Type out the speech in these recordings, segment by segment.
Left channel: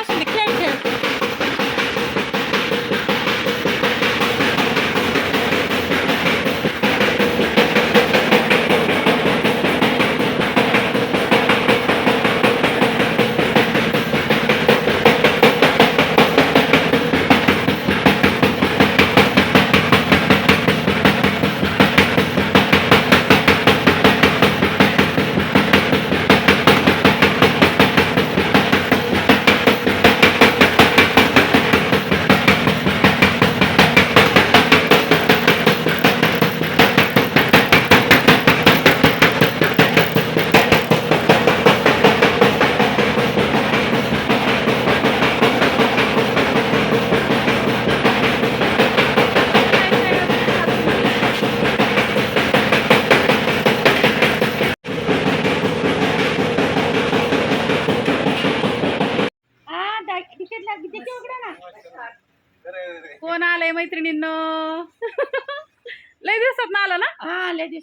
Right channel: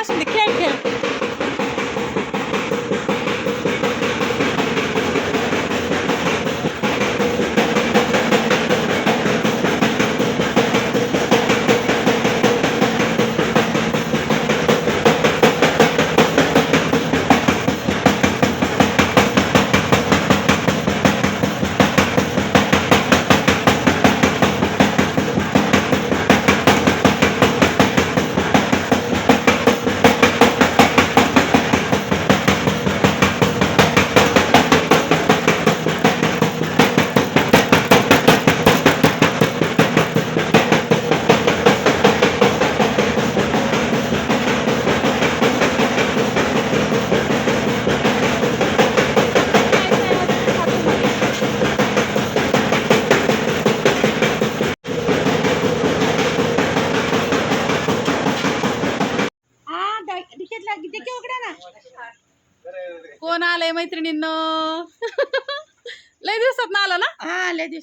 असू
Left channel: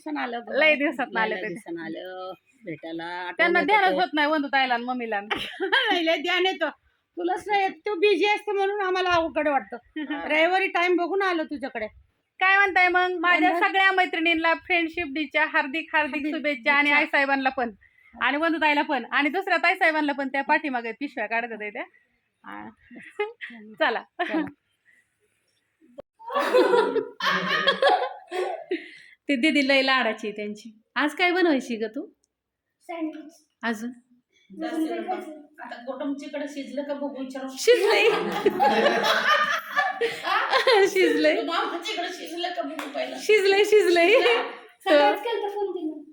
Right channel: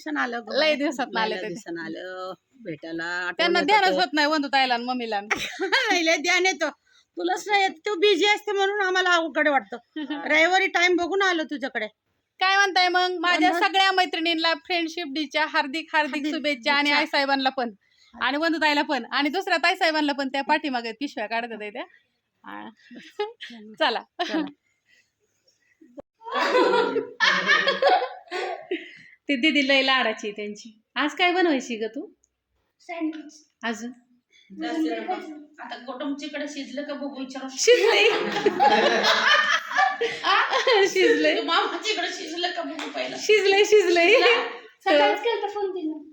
दिवसानं आलं. लय दिवसातनं आले ते. आलं. भेटायला त्यांना ध्यानच होत नाही वंदू ताईला आणि मम्मीला. नाही, लय ध्यान येतं. तुलाच नाही येत. तू बिझी असते म्हणून आम्हाला अवघड वाटतं. रविवारी टाइम बघून आलो तुझ्याकडे. काय म्हणताय मग? माझ्या वंदन? सगळ्या मैत्रिणींना फ्रेंडशिप डीच्या हार्दिक हार्दिक हार्दिक शुभेच्छा आणि शुभेच्छा. आई साहेबांना पण. आणि वंदू ताईला पण. आणि दुसऱ्या ताई साहेबांना पण. त्या पाठीमागे पिशव्या काढत होत्या त्या. आ, चला. ती दिदी लय लाडाची आहे त्यांची. आज काय बनवायची ग तू? अजून? आता शिजलं का बघू विचारू. शिजलंय. शिजलंय. मामाच्याकडे शिजलं का बघू पहिला? शिजलंय शिजलंय.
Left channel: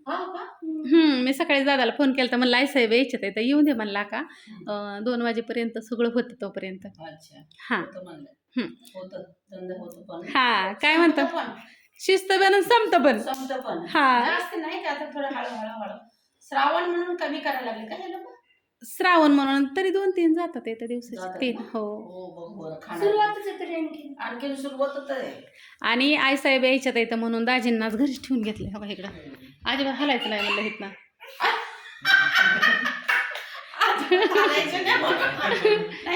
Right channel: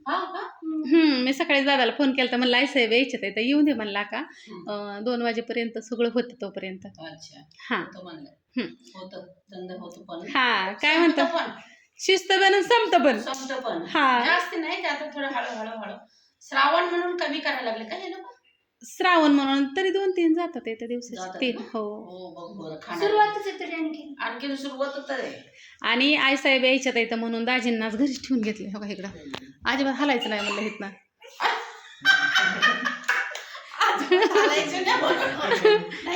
हा का? हम्म मी सकाळी दादाला फोन केला तर म्हणला आई साहेब यायच्यात आहे तर येऊन दे म्हणला का. अं, दोन वाजेपर्यंत सगळं होतं तोपर्यंत. अच्छा. हा. होतं म्हणलं. हम्म. होतं. धंदा होतो पण. हा काय म्हणतो? पण. शिस्त पण संपत पण. संपतं पण. हा. जास्त नाही ते आता थोडं हळू हळू हळू. श्रावण म्हणून कमी करायला लागले का हे लोक? श्रावण म्हणून तरी दोन तीन जातात येत्या दिवसाचे. जातात तीन ना? हो. हो बघ बरं खाणार आणखी. सुरुवात होत आहे. आणि आई साहेब यायच्यात येतं म्हणून दाजींनाच घरीच ठेवून घेतले. हो का इकडं? अजिबात हलायचं नाही म्हणलं इथनं.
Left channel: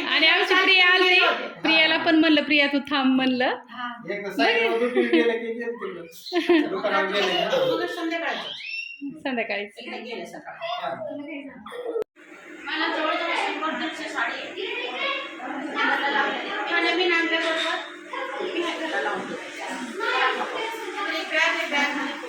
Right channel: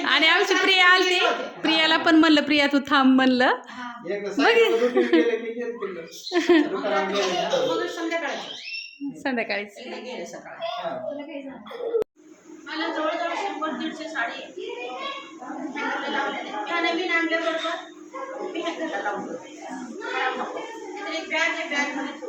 आणि आमची प्रिया आलती. प्रियाला पण म्हणलं प्रिया तू थांब म्हणलं. संध्याकाळीच. मला जवळजवळ शंभर दीडशे साडी आणल्याबरोबर मी लावून bag आहे, bag मध्ये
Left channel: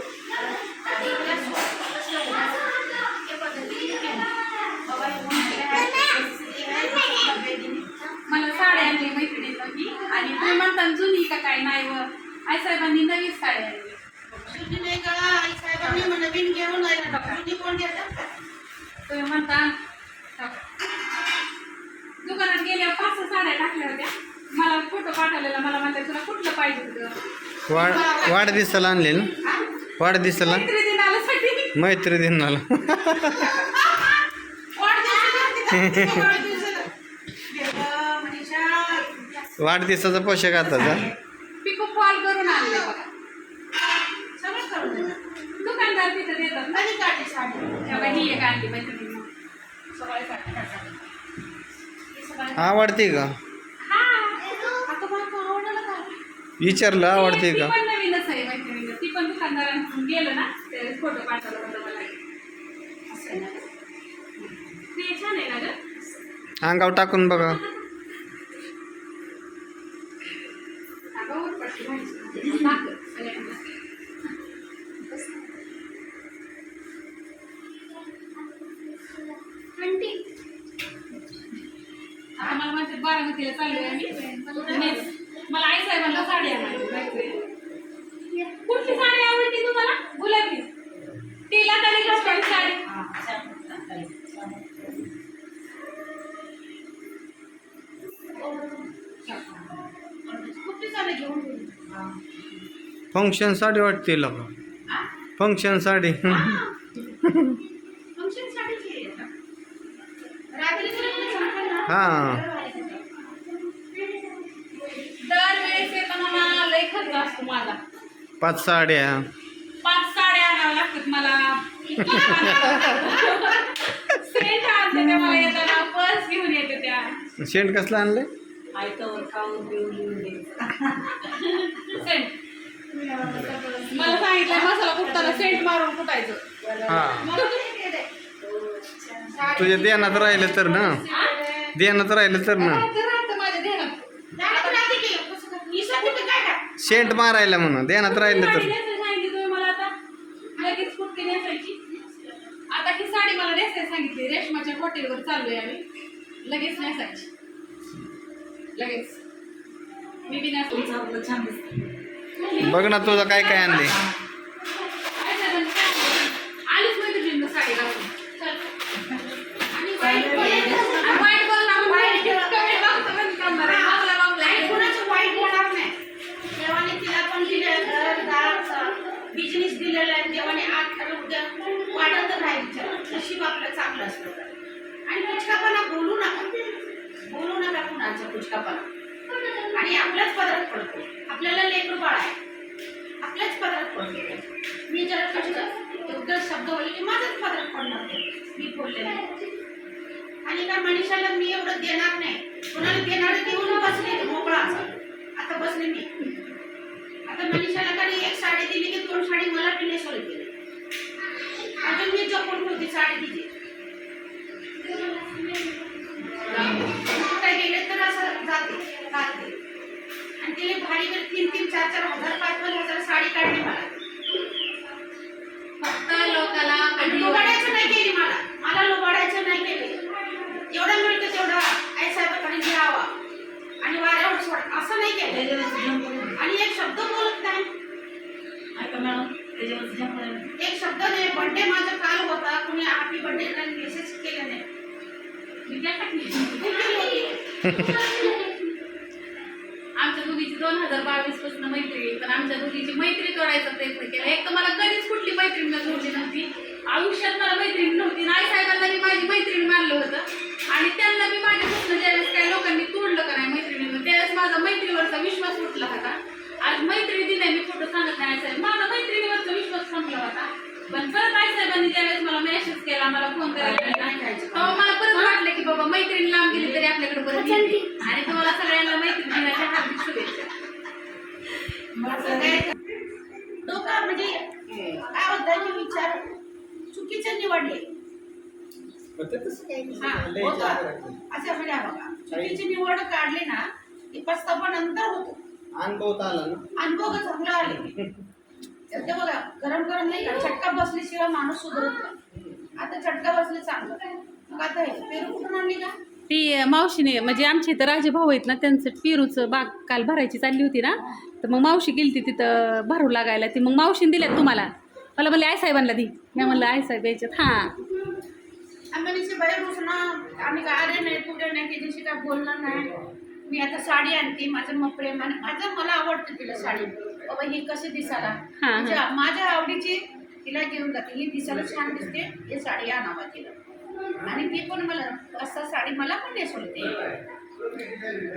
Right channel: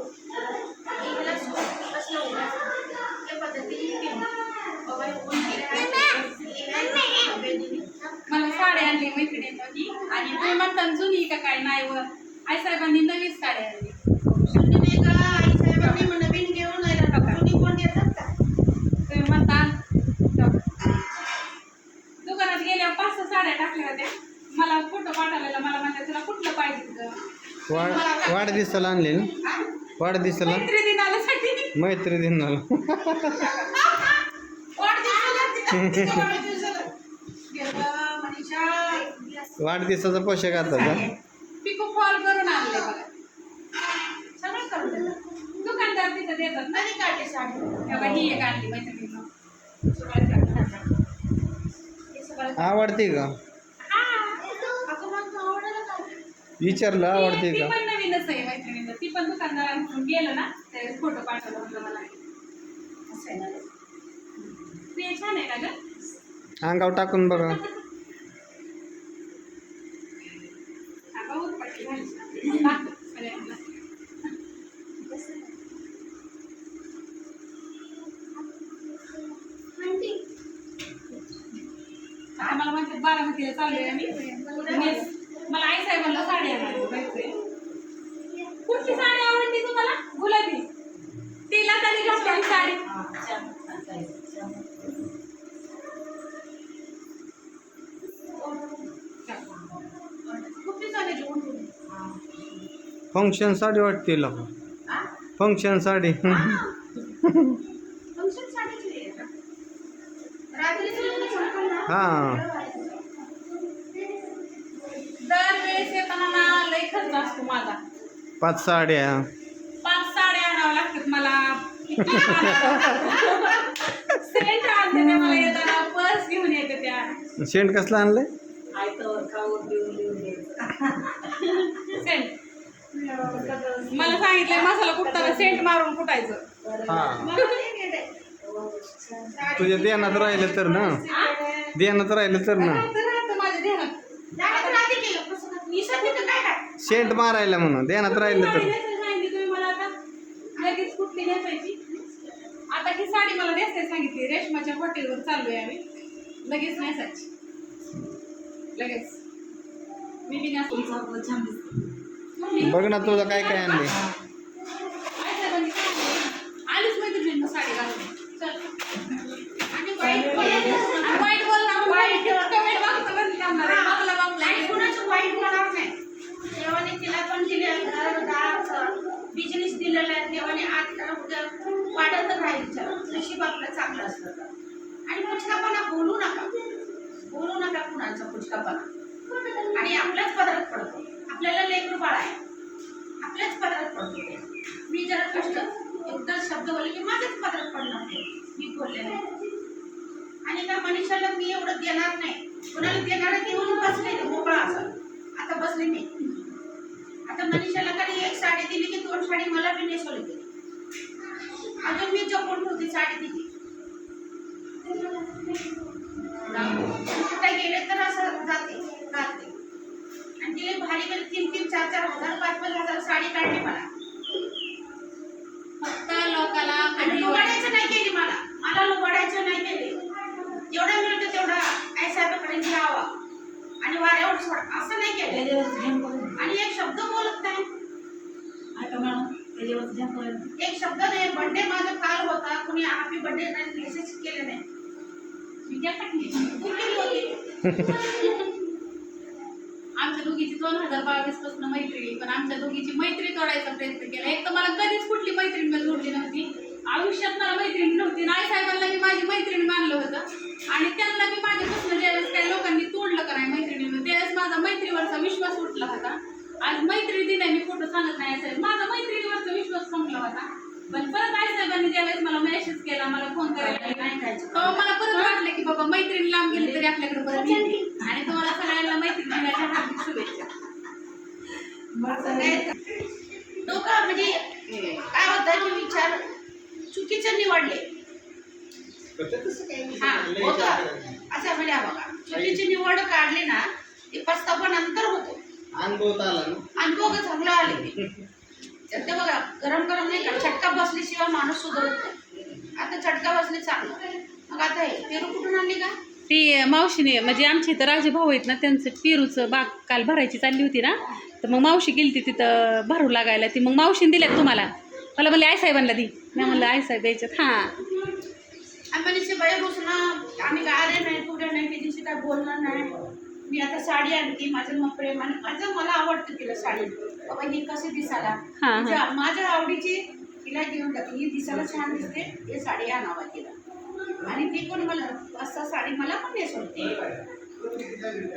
साहेबांनी नवीन साडी आणली जुनी नाही का? आई साहेबांनी मग नवीन घेऊन कोण घेतात का? तुम्ही म्हणता दुकानात गेल्या पाच सहा साड्या टाकल्या होत्या. मला फोटो पाठवलेला. मला तुला कुठलं पाहिजे होतं? वाढ वाढदिवसाला आणले ना? वाढदिवसाला? मैत्री दिनासाठी मैत्री दिनाला. वाढदिवसाचा पोशाख आता जा पिको फॉल करून आणले बघा सगळं करून देतात. दुकानदार तिथं देतात ना. काढली साडी? तेव्हा ही एक आणली मैत्रिणीनं सकाळी काढली साडी. हे सकाळी आवडते का? विचारलं आवडते ती का? पण नवीनच आहे मैत्रिणीनं ती पण दुकानदारांकडून गेलं ना ते फोटो पाठवलं होतं मला. असं आहे ना. ते छान आहे ना ग. अंगावर टाकून बघा. फंक्शन साडी वाटते का हा? फंक्शन साडी? हा. पाच साड्या. पाच साड्या आणाव्या लागतात मला. सेंट आणते त्या मला येताना पर्स घेऊन येते त्या. शेंट कसलं आणलंय सेंट मला सांगितलं मसाला कुठताना सेंट मारून कुटायचं हा. तुझ्या ध्यानात राहिलं तर ना. ध्यानात राहिलं तर ना. शेंट मारायला म्हणून ध्यानात राहिलं तर. नेसायला सांगितली तुम्ही मला आता. लगेच कुठली नेसायची. आता ही साडी मला नेसायला सांगितली. रेशमाच्या हॉटेलवर चाललोय आम्ही. लगेच नेसायची. लगेच. मी बी नेसली छान दिसते बघ ना तुझं काय काय आणले आलीच मैत्रिणींना साडी घालून चल. आणि वाईट बोल- आणि वाईट बोल ना, मग वाईट कमेंट बॉक्समध्ये म्हणजे करणार आहे. आपल्या बाबला आणि कुणाचं वाईट होणार नाही देवाने तिला पण दिले घर दार बिझनेस दिलेला आहे देवाने आज तर उद्या वाढत राहायचं नशीब आपलं चांगलं असलं तर आणि पुचकापणा बोलू नका मुलांचा नका आणि आपल्याच पदरात पडतो. आपल्याला लेकरू बाळ आहे. आपल्याच पदरात पडतो मी जर कष्ट एकदा शब्द बोलले की माझ्याच पदरात पडणार ते. मी बोलले नाही. आणि त्या मनुष्याला मी एवढं देणार नाही. कुणाला देणार देऊन बसले मोकळा असा. आता बसले मी. आता मनुष्याला कधी एक साडी दिली की दोन साडी मला बी नेसवली दिली अजून मी जपून ठेवते साडी तिची. कुठे गेले तर असं जाते घालते आणि तिने भाडीवर तीन तीन चार चार हजार पाच पाच हजार साडी काढली मला. फक्त लोकाला आणि लुबाडायचं नाही केली मला. मला लुबाडायचं नाही केली. जेवढं मिळतं तेवढं आई साहेबाकडे घ्यावा आणि वाऱ्यावर सोड असं नाही केलं. आणि एक शब्द बोलत नाही. एक शब्द नाही बर्थडे माझा काल होता. कोणी हॅपी बर्थडे नाही मेसेज केले नाही मी काय टाकली? भुकेली होती. आमच्या दोघीची दोन हजार बावीसपासून मैत्री पण आमच्या दोघीची मैत्री तोडायचा प्रयत्न केला. एक तर मला कधीच कुठली मैत्रीण नव्हती नव्हती. आयुष्यात मला मैत्रीण नव्हती आई साहेबांना मी माझी मैत्रीण मानलं होतं. आणि त्यांना मी माझ्यापासून ज्यावेळेस काही लोकांनी तोडलं का नाही मैत्रिणीनं त्यावेळेस माझा मैत्रीवरचा विश्वास उठला होता. आज मैत्री दिलाय मी खोटं सांगत नाही साहेब माझा मैत्रिणीवरचा विश्वास संपला होता पण परत आई साहेबांनी त्यावेळेस मला मेसेज केला मला फोन करायला नाही खायचं. तेव्हा मला परत वाटलं की बाबा मैत्रीण लांब गेली तरी आपल्याकडे परत येते आणि तुम्हाला सगळ्यांना मैत्रीण दिनाच्या हार्दिक शुभेच्छा असं नाही. डोकं म्हणजे काय होतं की विचार चुकीचे निवडले. हा होतं. असं म्हणजे हा बघा चुकीची निवड काढली ना ते पस्तावा नंतर होतो. अनुभव आला ना. अनुभव चांगला आले. तर ते बघा गरम गरम नाही का चटका बसल्याशिवाय माणूस सुधरत नाही. आता चटका बसली चांगलं. मग आता हे पेरू कुठून आणली का? ती मावशीने म्हणजे आमच्या इथं राजे भाऊ आहेत ना त्यांचं पेरूचं बाग काल भरायची चालली होती ना. तर मग मावशी गेली ती तिथं भरू लागायला. ती मग मावशीने दिल्यात तुम्हाला. मला म्हणले आई साहेबांना दी. मी म्हणलं आई साहेब यायच्यात हां. आम्ही काय आले नाही पुढे नाही काय बोलणार नाही. मी आता साडी आणते माझं मग प्रेमाने माझं मला आवडतं तिला साडी. बाबा ही कशी दिसायला? हा, हा. तिच्या- माझ्या आवडीची तिला घेऊन जाते. ही दिसायला छान दिसते ही साडी आणावा तिला. आणि ती पण मला असं साडी मला पण नेसवते.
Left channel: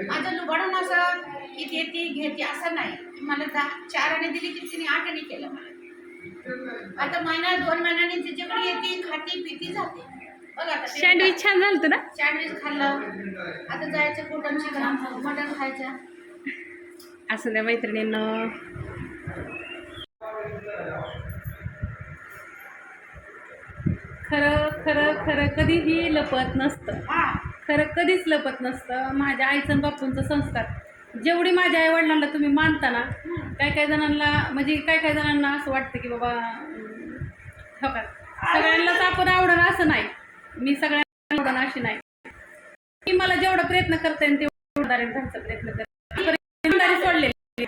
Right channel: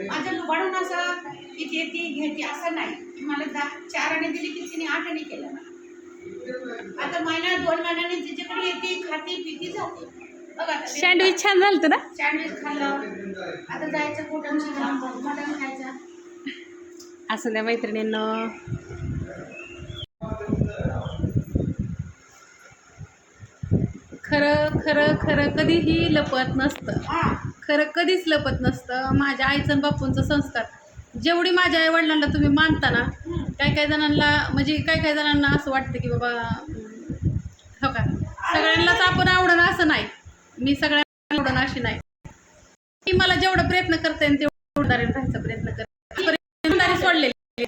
माझं लुबाडून असं की ते ती घेते असं नाही. मला दहा चार आणे दिली की तिने आठ आणे केलं मला. आता महिना दोन महिन्याने तिच्याकडे येते खाते पिती जाते. बघा सँडविच छान झालं ना? सँडविच खाल्लं. आता जायचं कोटन चिकन मटन खायचं. असं त्या मैत्रिणींनं. खरं खरं खरं कधीही लपत नसतं. हा. खरं कधीच लपत नसतं. माझ्या आईचं आणि बापूंचं संस्कार. जेवढी माझ्या आई वडिलांना तुम्ही मानता ना काही काही जणांना म्हणजे काही काही जणांना असं वाटतं की बाबा हो का? सगळ्यांनाच आपण आवडणं असं नाही. मी सगळ्यांना आवडणं अशी नाही. की मला जेवढा प्रयत्न करता येईल तेवढं राहायचा प्रयत्न करते. सोडलेली.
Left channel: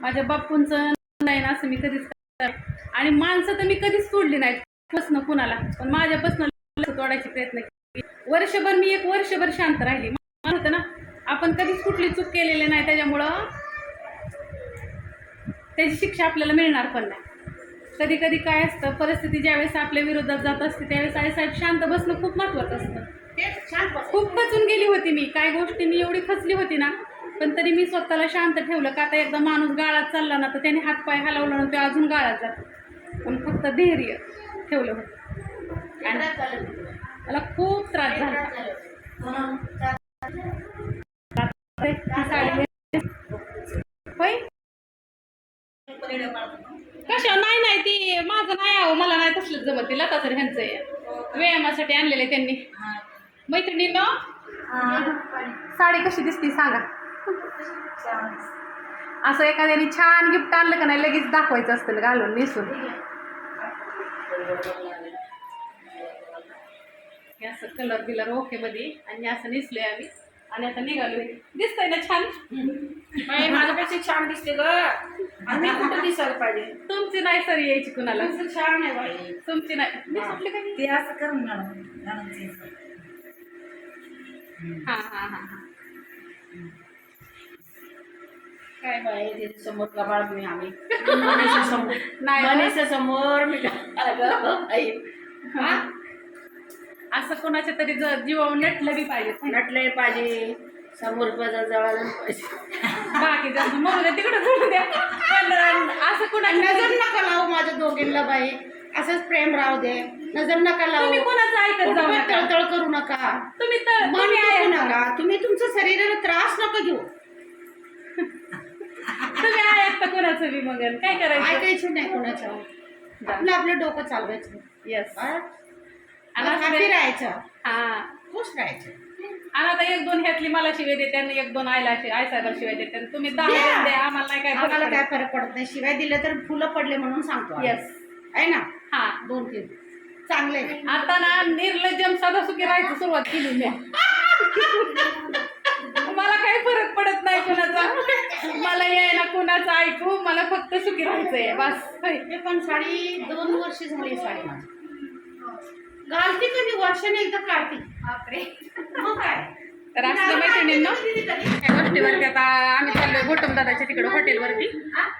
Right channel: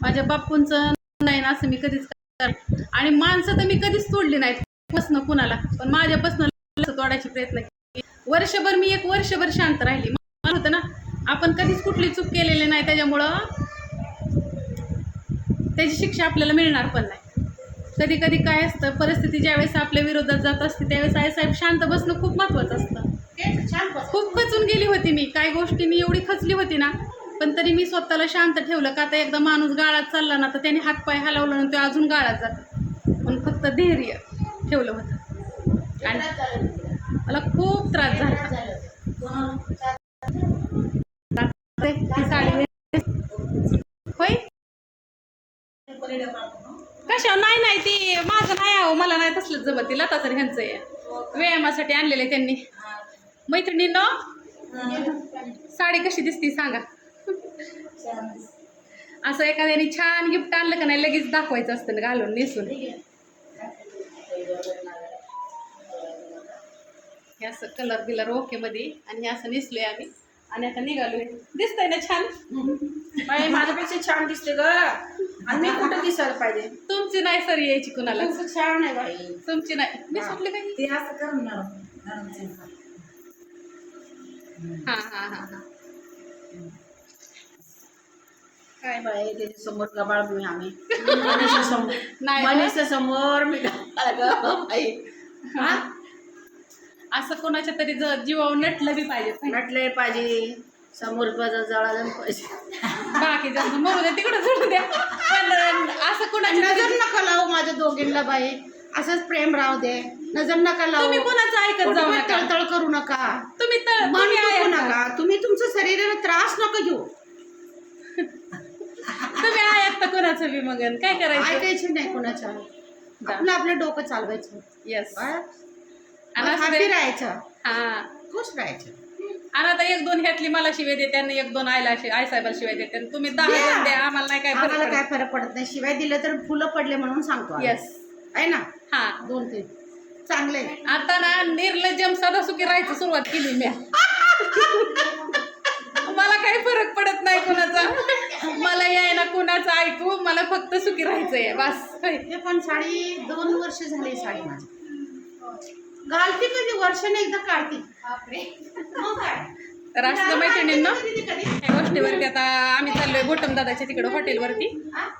माझ्या बापूंचं नाही ना असं मी कधीच करणार आणि माणसं तर मी कधीच तोडली नाहीत. पसनं कुणाला? पण माझ्यापासून तोडायचे प्रयत्न केले. वर्षभर मी एक वर्षभर शांत राहिली. मला होतं ना आपण कधीच कुठली चूक केलेली नाही त्याच्यामुळं. त्याची शिक्षा आपल्याला मिळणार पण नाही. कधी कधी काय असतं परिस्थिती ज्यावेळेस आपल्या विरोधात जात असते त्यावेळेस आईसाहेब शांत बसणं खूप महत्त्वाचं असतं. खूप खचून गेली होती मी. काय गोष्टींनी एवढी खचली होती ना पण तरी मी स्वतःला शांत ठेवलं का आता एकदा माणूस गाळात चालला ना तर त्याने हातपाय हलवला ना तो अजून गाळात जातो. पण फक्त धैर्य ठेवलं होतं. आणि मला खूप त्रास झाला. झालं ती साडी होय? कशा नाही नाही ती माझं नाही आहो मला नाही तसलं जमत. ती लता तर ह्यांचं आहे. व्यायामासाठी आणलेलं आहे त्यांनी. मैत्रिणीनं साडी कशी दिसती सांगा. असं एखाद्याने छान गिफ्ट आणलं का नाही लगेच दाखवायचं असतं ना घालून नेसून. हे असं कलर बिलर ओके मध्ये आणि असं नेसलोय आम्ही. आणि आता निघालोय. दिसतंय ना छान? बाई, माझ्यापेक्षा छान दिसते ग. आणि मी कुठं दिसायला पाहिजे? तुमची नाही सर यायची कुणाला. तुमचं छान आहे बाई. तुमची नाही. मी सुटले काही ते असं कर मॅडम. हा हा हा हा. काय बाई ते समोर गबाळ मी आम्ही. समोर नाही. मनीषा समोर मी गबाळ ग बाई. हा? असं कोणाच्या तरी ज- जीवावर नटलं बी पाहिजे. नटलंय पाहिजे. समोर बाजार जळायला पाहिजे. बाकी जास्त मग द्या तिकडे सोडू द्या. पण असं कोणाच्या नजर तरी- नका लावू माझ्या दोघींना बाई. असंच प्रेम राहू दे. नजर नका लावू. तुम्ही कोणाचं ऐकत जाऊ कुठं नका. तळतळ करू नका. तुम्ही तर मन तुम्ही दुखू. नका तुम्ही तुमच्या शरीराला त्रास नका घेऊ. तुम्ही ऐकता कोणाचं बी मग काय करायचं? ऐकायचं नाही कोणाच्या. आपलं आपलं डोकं चालवायचं. येस. आणि असं ते- राहायचं. हा. खुश राहायचं. आणि आता एक दोन ह्यातली मला शिवाय देते आणि एक दोन आईला शि- आई साहेबाला शिवाय देते. आणि तुम्ही दहा. जण द्या आम्हाला नाही काय आम्हाला फरक काय फरक पडत नाही. शिवाय दिलं तर फुलं पडले म्हणून सांगतो आम्ही. येस आहे ना? हा. दोन तीन. चांगले. आता ना निर्लज्जम साधा सुखी राहायचं सुरुवात केली मी. मला काही फरक पडत नाही कुणाचा? मला यायला कुणाचं ऐकू मला फक्त सुखी राहायचंय बस. हे पण साडी दोन वर्ष झाली साडी माझी. घालते कधी वर्षाने एकदा काढते. तर असलं मैत्रिणींनो या गोष्टीवरती आता आम्ही चाललोय गोटम दादाच्या तिकडे हॉटेलवरती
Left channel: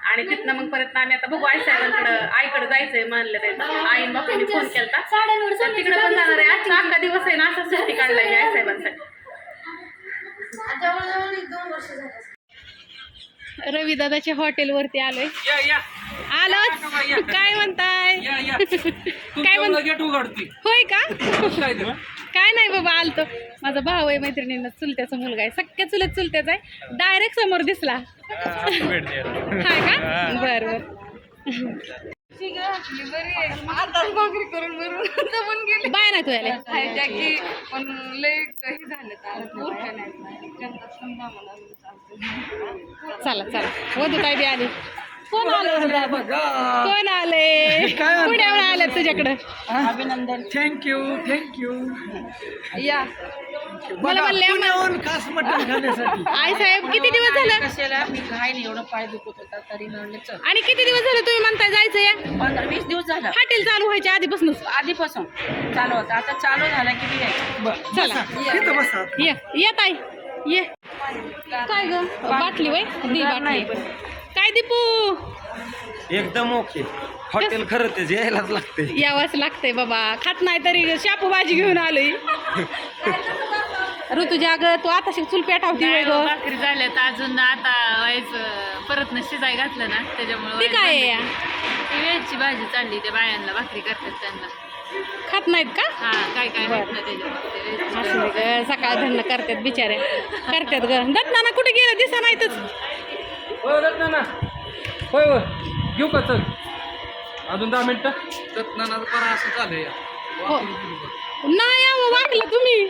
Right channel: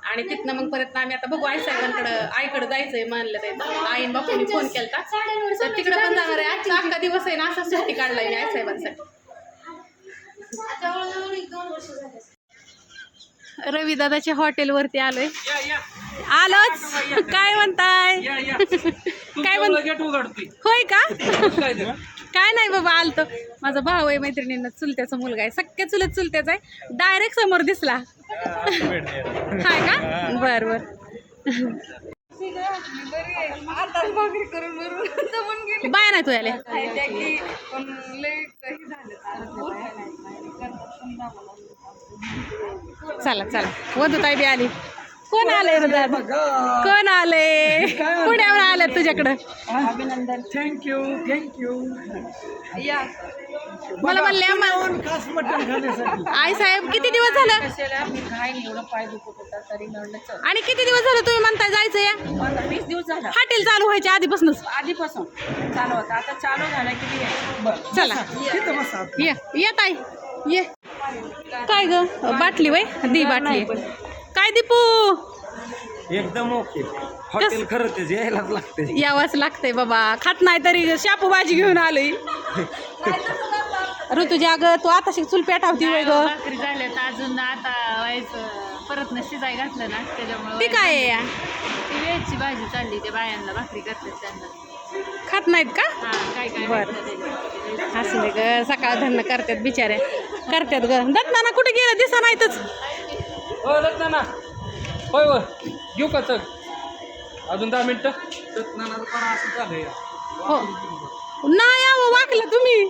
आणि तिथनं मग परत आम्ही आता बघू आई साहेबांकडं आईकडे जायचंय म्हणलं ते. आईन बापूंनी फोन केलता. तर तिकडे पण जाणार आहे. आजचा अख्खा दिवस आहे ना असा सुट्टी काढलाय मी आई साहेबांसाठी जवळजवळ एक दोन वर्ष झाले रवी दादाच्या हॉटेलवरती आलोय. आलोच. काय म्हणताय? काय म्हण गेट उघडती होय का? काय नाही बाबा आलतो. माझा भाऊ आहे मैत्रिणींना चुलत्याचा मुलगा आहे. सख्या चुलत चुलत्याचा आहे. डायरेक्ट समोर दिसला. हाय का? बर बर. बाय नाही तू याले. चला चला. वधू ताई बी आली. कोण दादा कोण आले? पुण्यावर आलं तुझ्याकडं. अभिनंदन. थँक्यू थँक्यू या. मला म्हणले आम्हाला- खास मटण खाण्यासाठी. आई साहेब किती दिवस झालं? कशाला मी काय नाही एवढं पाय दुखत होता तरी म्हणलं चल. आणि किती दिवस झालं तुम्ही म्हणताय जायचं या पंधरा वीस दिवस झाला. हॉटेल चालू व्हायच्या आधीपासूनच. आधीपासून चालू होता. आता चालू झाला की मी यायचं चला. तिथं बसा. ये ये ताई ये. काय ग? बाटली वय दी बाटली. काय दीपू? एकदम ओके. हॉटेल खरं ते यायलाच लागते यावंच लागतंय बाबा. खात नाही तरी शापू भाजी घेऊन आलोय. ऋतुजा ग तू आता चूल पेटावती वय ग भाकरी झाल्या तर अजून आता व्हायचं परत न शिजाय घातलं ना त्याच्यामुळे ती काय आहे? या? वेळची भाजी चालली त्या बायांना भाकरी करतात त्यांना. खात नाहीत का? हा काय काय बरं. घातलं त्याच्यात असू दे ग सकाळ धरणं करतात बिचारे. करतात ग. दत्ताना कुठे गेलं? दिसा नाहीतच. हो दत्त ना होय होय. घेऊ का चल? अजून दहा मिनिटं? दत्तनानाचं परा असं झालंय हो. नाही अहो, वाकला तुम्ही.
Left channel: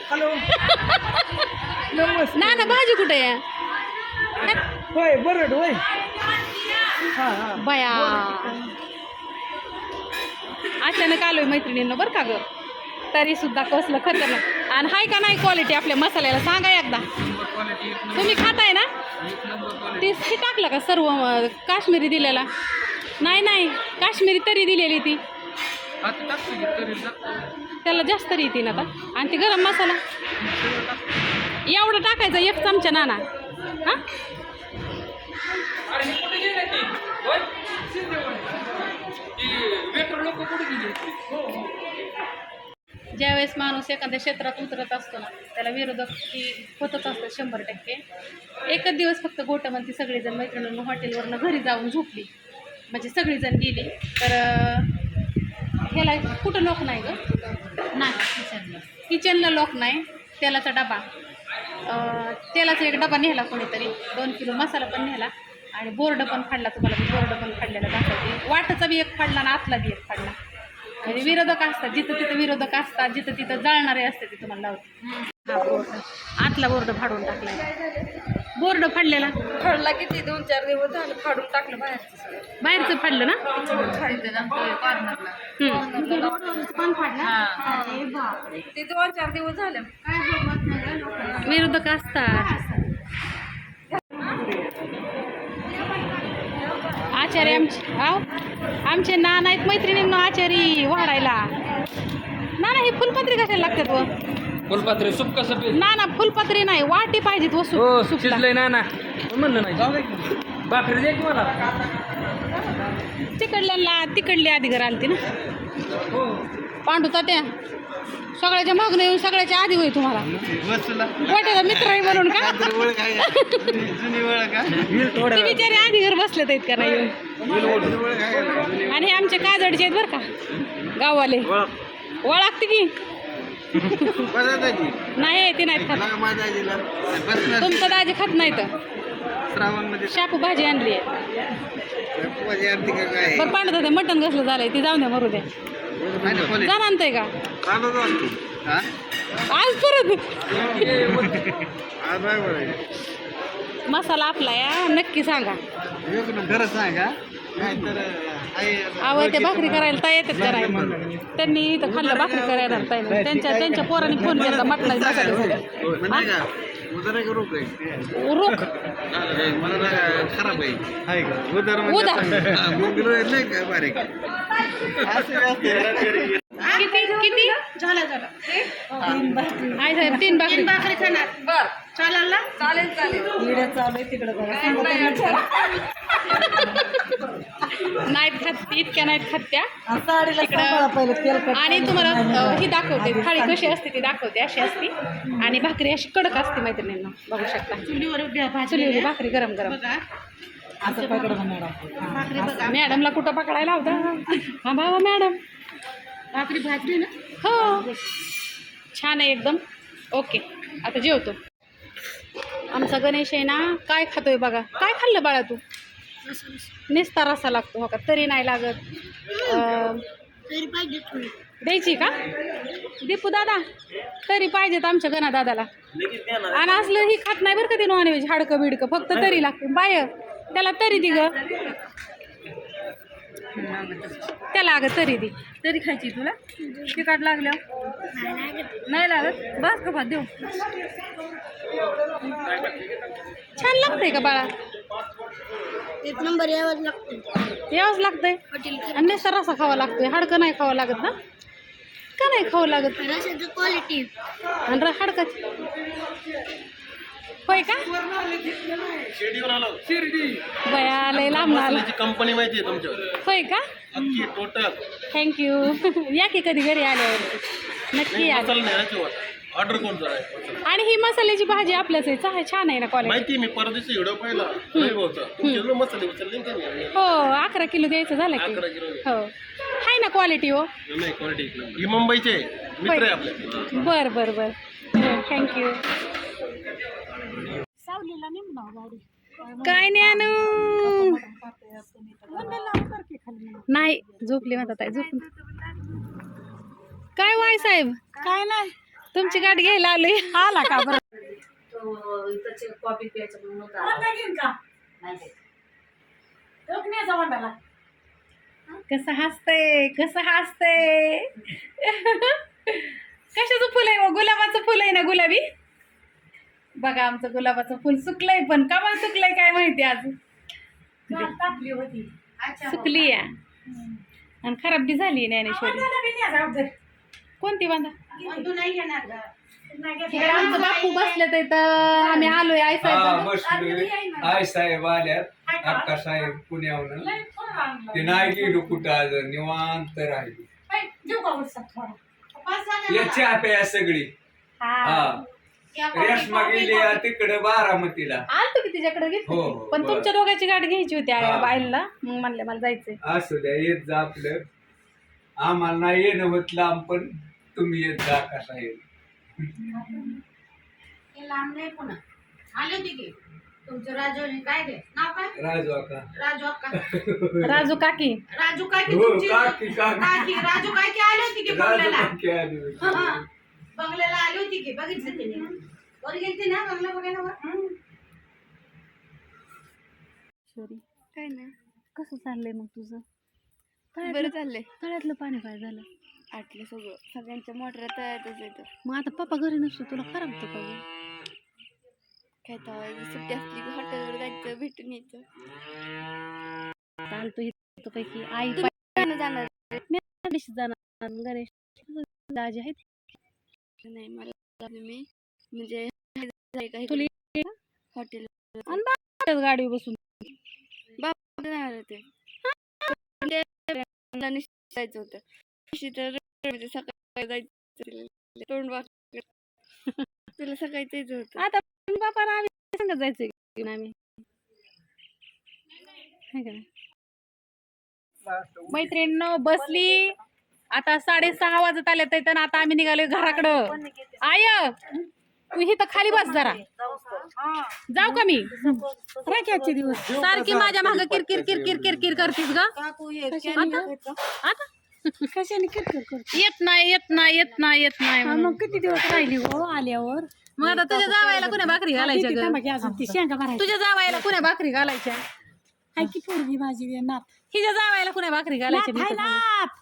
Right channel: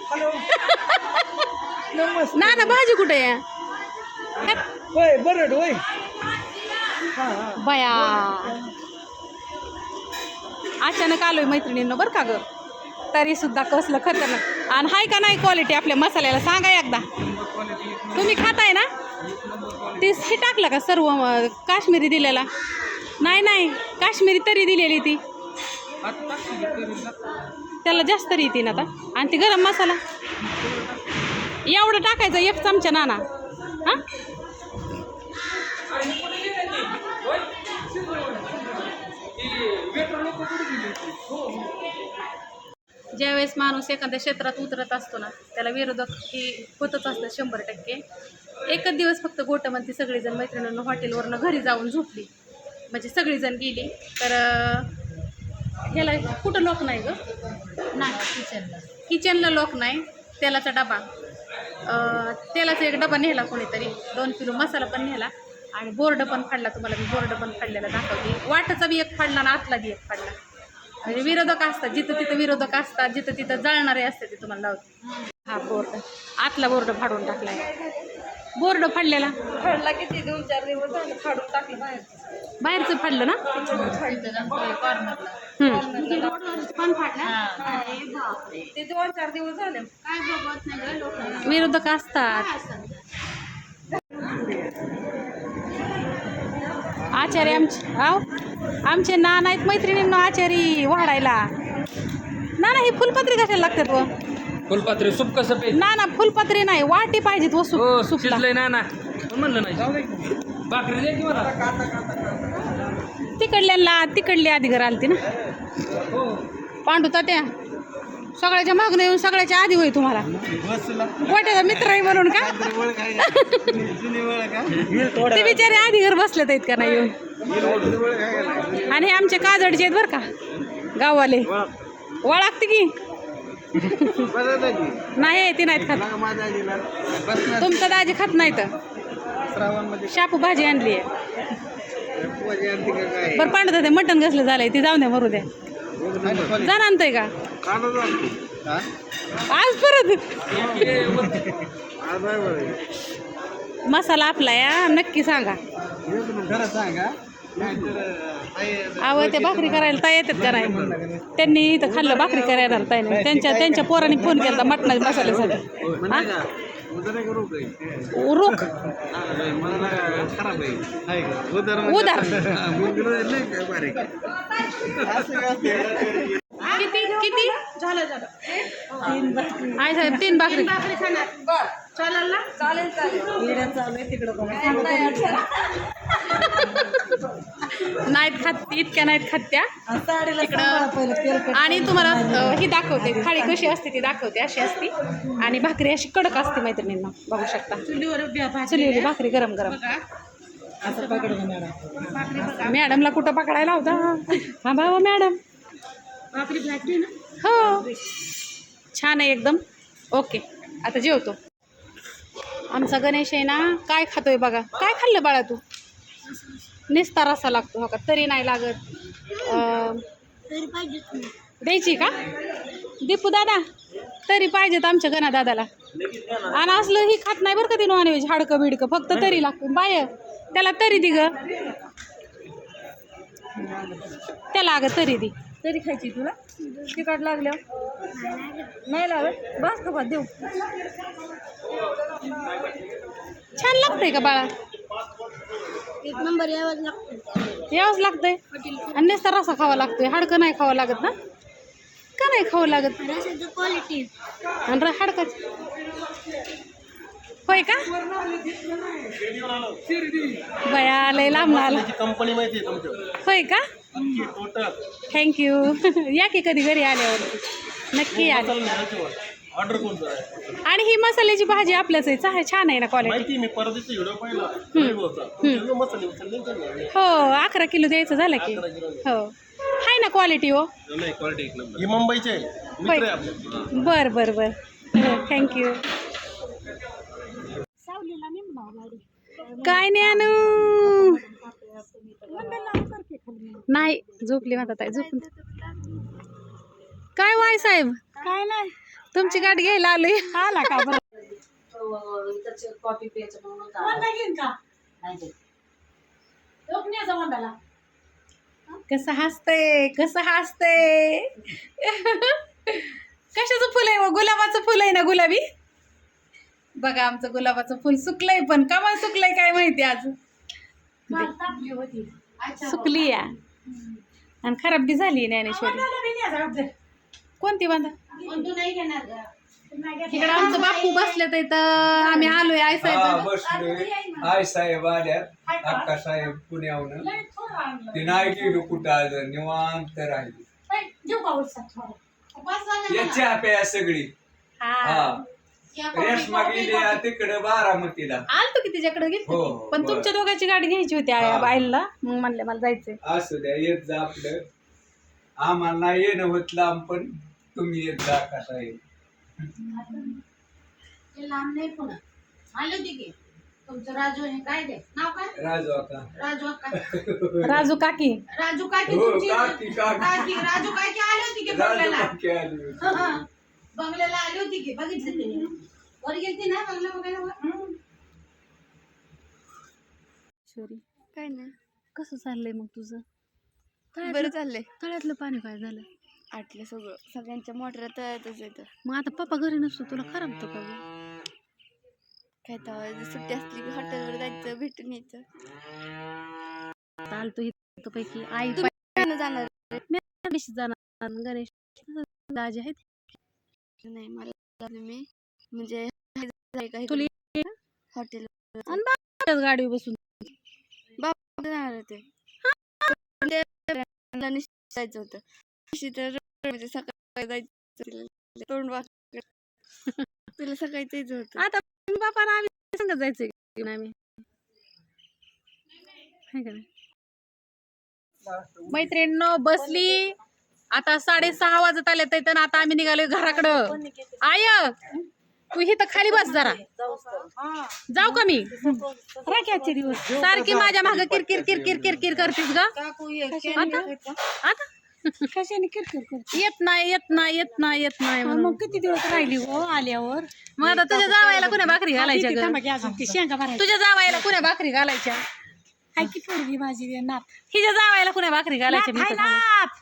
ना ना भाजी कुठे या होय बरं होय. बया. अचानक आलोय मैत्रिणींना बरं का ग? तरी सुद्धा कसलं खतरनाक. आणि हाय का नाही क्वालिटी आपल्या मसाल्याला? सांगा एकदा. तुम्ही खाताय ना? तीच ती टाकलं का सर्व काश्मीरी दिलेला? नाही नाही. काश्मीरी तरी दिलेली ती. त्याला जास्त तरी येते ना आता. आणि ती गरम मसाला. एवढं टाकायचं एक चमचा नाना. हां? हे हो. ज्यावेळेस माणूस एखाद्या क्षेत्रात उतरत असतो ना त्याला विरोधक ही होतच असतं शंभर टक्के. एकच दिवस फक्त गोटमंती सगळीजण मैत्रिणींना हॉटेलवरनं घरी जाऊन झोपली. म्हणजे सगळीजण गेली. तर ह्याला कुठं लोक नाही ग? नाही किचनला. किचनला लोक नाही. तेलाचा डबा. तेलाचा एक डबा नेला कोणीतरी. दोन किलो मसाला पण नेला. आणि बोर्ड पण फाडला तुम्हाला. मी बोर्ड पण फाडलेला दाखवते. वाटाचा बी एक फाडला आणि आतला बी एक फाडला. म्हणजे विरोधक असतात. जिथं तिथं विरोधक असतात जिथं तिथं जळणारे असते ते तुम्हाला लावते. हा बोर्ड. आतला बोर्ड फाडून टाकलाय. बोर्ड फाडलेला? खडला किती? दोन चार दिवस झाले फाडून टाकलं बाहेरचं बाहेरचं फाडलं ना? फाडलं ते दोन चार दिवस झाले. विरोधक असतात. आचार्य आमचे आहो आमचे नाना आहेत मैत्रिणींना आचारी वाढायला. ना ना ही फुलपत्री कशाला लागतात व? फुलपात्री सूप. कसं पे ना ना फुलपत्री नाही वाटी पाहिजेत हो वस्तू सुपला. शिजलंय ना ना. पण म्हणलं नाही? जाऊ दे की. भाकरी दे की मला. तिकडल्याला तिकडली आधी घर आलती ना. हो. पांडू तात्या सगळ्याच्या मागणं येऊन सगळ्याच्या आधी होय तुम्हाला. वाट्याचा मित्र आहे म्हणून का? ते बिचारे आधी घर बसलेत आहेत का नाही येऊन? आणि हे आमचे काजडचे आहेत बरं का गाववाले. ओळखते की? नाही ती नाहीत खात. तुमचं दाजी खात नाही तर. श्रावणमध्ये. शापू भाजी आणली आहे. पण पांडू तात्या मटण कसलं झालंय ते जाऊन द्या मरू द्या. जाण आणतोय का? आज परत. मसाला आपला या नक्की सांगा. खरं सांगा. आवड ते भाकरी करायला ताई येतात का नाही? त्यांनी इथं खाल्लं भाकरी करायला ताई नाही त्यांच्या त्यांच्या पोरांनी फोन केला मटणाच्या मसाल्यासाठी. रोख खराब आहे. उधार किती किती? झालं झालं. आई साहेब तीन भाकरी. भाकरी खाणार. बर. चालेल ना? चालेल चालेल. नाहीत खात इतक्या नाहीत खात त्या. तिकडं आणि तुम्हाला ही दाखवते. थाळी कशी असते ती दाखवते अशी असती. आणि भाकरी अशी कडक असते मैत्रिणींना. बघू शकता. चुलीवर चुलीवली भाकरी गरम गरम. भाकरी. बघा. मॅडमला कुठं पकडायला होता हा भावा मॅडम. भाकरी भाजली ना? हो. छान आहे एकदम. ओके. आता जेवतो. आमचा गणेश आहे ना काय खातोय बघा. काय खाल्लं बाळा तू? निस्ता रसा लागतो हो का? तरी नाही लागत. द्यायची का? दीपू दादा तरी पाहिजेत आमच्या गणा दादाला. आणि असलं ही खात नाही बरं का ती नॉनव्हेज हाडकं बिडकं फक्त तरी लागते. बाय त्याला तरी दि ग त्याला अगं तरी दे तरी खायची तुला? तिखट लागल्या नाही लागत? बस का देऊ. छान लागतंय का बाळा? एक नंबर यावंच लागतं यावंच लागतंय? आणि नुसता रसा खावा लागतोय. हाडकं नाही खावं लागत ना? का नाही खावं लागत? रशाचं क्वालिटी आणि र- हाडकाची. होय का? बया लय लांब आला. कंपनी माहिती आहे होय का? टोटल थँक्यू या की कधी घरी आल्यावरती? नक्की या. ऑर्डर कोणतं आहे? आणि ही मसाल्याची भाजी आपल्याच आहे चा- छान आहे ना क्वालिटी माहिती मी परदेशी व्हिडिओ पाहिला. होता मसाले उचलले ना त्यांनी हो अकरा किलो द्यायचं झालं की. अकरा किलो हो. आहे ना क्वालिटी हो. नाही क्वालिटी एक नंबर. ही. मित्र आहे आपले. बर बर बर. हो थँक्यू काय नाही आणू नाही झोपली म्हणतात आहे झोपून. काय वाय साहेब? काय नाही. तुमची गाडी घ्यायला आलोय. आला का बरं? कसं हसतंय कसं हसतंय? कशाचं फुल आहे मग? गुलाबाचं फुल आहे ना गुलाबी? बघा आमचं गुलाबाचं फुल सुकलंय पण कमाल सुकलंय काय माहिती आज. सुकली या. आणि खराब बी झाली ज्ञानेश्वरी. कोणती बांधा? इकडे आमचं बापू बसले तर इथं आम्ही आलोय आई हा साहेब आय साहेब आल्यात अक्का साहेब पुण्याहून ते नाही गेलो कुठं आज. निवांत राहिली. या चहा प्या सगळी. हा. गेली तिकडे बारामतीला. आलतो की तिच्याकडे हो, की. पण बरं. तुमच्या दोघांची गाडी घ्यायची होती हा. बाईला मग म्हणले मला जायचंय. असू द्या येत जा आपलं. आम्हाला नाही येणं होत लांब पण तुम्ही येत जा का साहेब हे लांब नाही पुन्हा. आले होते की? तुमचं राजू काय रे नाव काय? राजू अक्का राजू अक्का राजू काकी. राजू काकी हो, तुमची? काकी, काकी. काकी राजू काकी आली होती की राजू बंगल्याला काकी आली होती. बंगल्याला आली होती की बघितलं तिने. वर गेलती ना बंगला बघायला वर? काय नाही कसं चाललंय मग तुझं? बरं चाललंय. तळ्यातलं पाणी काय झालं. आटलं सगळं. सगळ्यांच्या मोटर तळ्यातच येतं मग आता पप्पा घरी नसतो तुला खराबतो का गं? काय तेव्हा सुट्टी असली की हॉटेलवर जायचं भेटून यायचं. चालतो इथं पैकी. आई जाणार? गणेश जाणार. गणेश दाजी आहेत. नाही मला मी. म्हणजे हॉटेल गाडी बसून. जाणार होते. म्हणजे जायचं होतं. तर सकाळी जायचं तोंड वाक तुला सकाळी जायचं होतं. आता बापा आम्ही सांगत जायचं की नाही आम्ही. हाय का नाही? मैत्रिणींनो बसली. आता साडेसहा वाजत आले तर आता आम्ही निघालोय घराकडं. आय तू इथं खाली बस जरा. जाऊ का मी? राख्याचे दिवस. सारखी माझ्या माग किरकिर किरकिर किरकिर करतीस ग. आता? कशाने किरकिर करतो? येत नाही येत नाही येत नाही येत नाही. मग किती दिवस राहिली हो आल्यावर? मग आता तुझ्या जावायला कुण्या भाकरी घालायच्या ग? शेंगा भरायची तुझ्या जावायला कुण्या भाकरी घालायच्या? हाय की पोरगी माझी नात. हिच्या जावायला कुण्या भाकरी घालायच्या? मी तर. नात.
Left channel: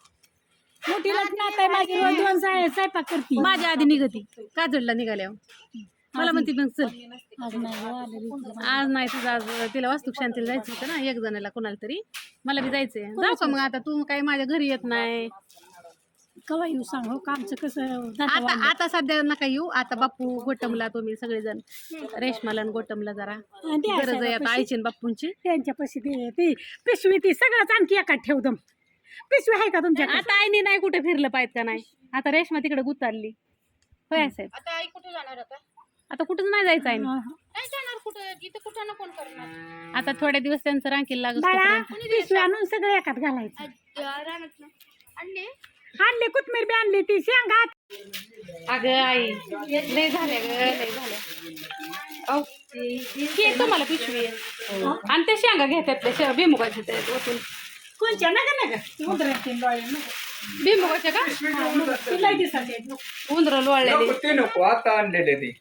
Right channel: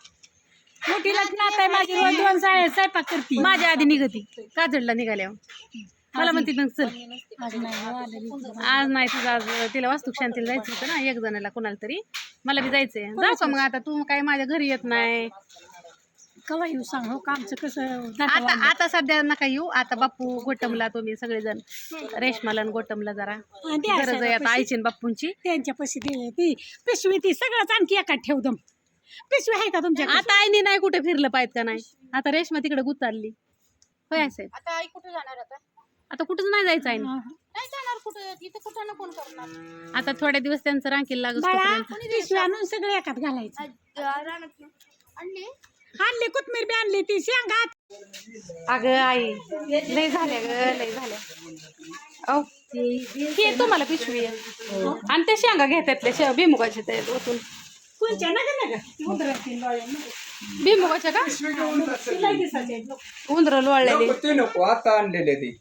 मोठीला नात आहे माझी रोज दोन साळे स्वयंपाक करते. माझ्या आधी निघती. काजळला निघाल्यावर. मला म्हणते मग चल. आज नाही हो आलेली आज नाही तुझं आज तिला वास्तुक शांतीला जायचं होतं ना एक जणाला कोणाला तरी. मला बी जायचंय. का मग आता तू काय माझ्या घरी येत नाही. कवा येऊ सांग हो का आमचं कसं नातं आता वाढलं. आता सध्या नका येऊ. आता बापू गोटमला तुम्ही सगळेजण. रेशमाला आणि गोटमला जरा. द्या गरज आहे आता. आईची आणि बाप्पूंची त्यांच्या पैसे दे ती पिशवी ती सगळंच आणखी एकात ठेव दम पिशवी आहे का तुमच्या आता आईने नाही कुठे फिरलं पाहिजे का नाही? आता रेशमा तिकडे गुतारली. होय साहेब आता आई कुठे जाणार आता? आता कुठंच नाही जायचं आहे नाही जाणार कुठे? इथं कुठं ना कोण करणार आता थोड्या दिवस त्यांचं रांकीला लागत बाळा तोपर्यंत. पिशवी आणून सगळं एकात घालायचं. आणली? आणली कोथमीर बी आणली ती शेंगा. अगं आई लय झाल्या ग लय झाल्या. औ हे तुम्हाला पिशवी. आहे. आणि ते शेंगा घेतात त्या भिमुगाच्या ओतून. कोणच्या नका नका उंदरातील लोळे नका. का? ती लय दिसायची आहे. उंदर लोळलेली. नको ते नको आता आणलेले ते.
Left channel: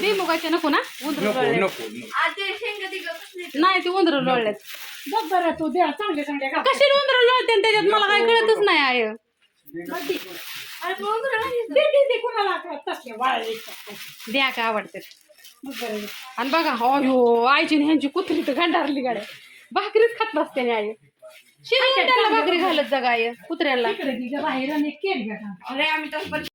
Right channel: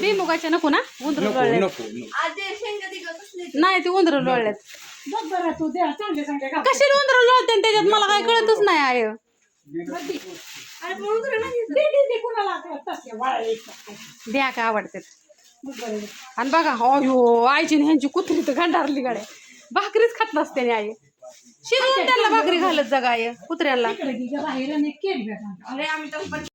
भिमुगाच्या नको ना? उंदर नको लोळले नको नको. नाही ते उंदर लोळल्यात बघ बरं तू द्या चांगले चांगले घाल. कशाला उंदर लोळते आणि त्याच्यात मला काय कळतच नाही आय अरे मग उंदरं दे दे दे कोणाला आता तसले वाळे द्या का आवडते. बघ बरं. आणि बघा अयो आईची आणि ह्यांची कुत्री तर गंडारली गाड्या. भाकरीच खात नसते आई शिजवून त्यांना भाकरी घालत जा गाय कुत्र्याला. तिकडे तिच्या बाहेर आणि केक भेटा अरे आम्ही तर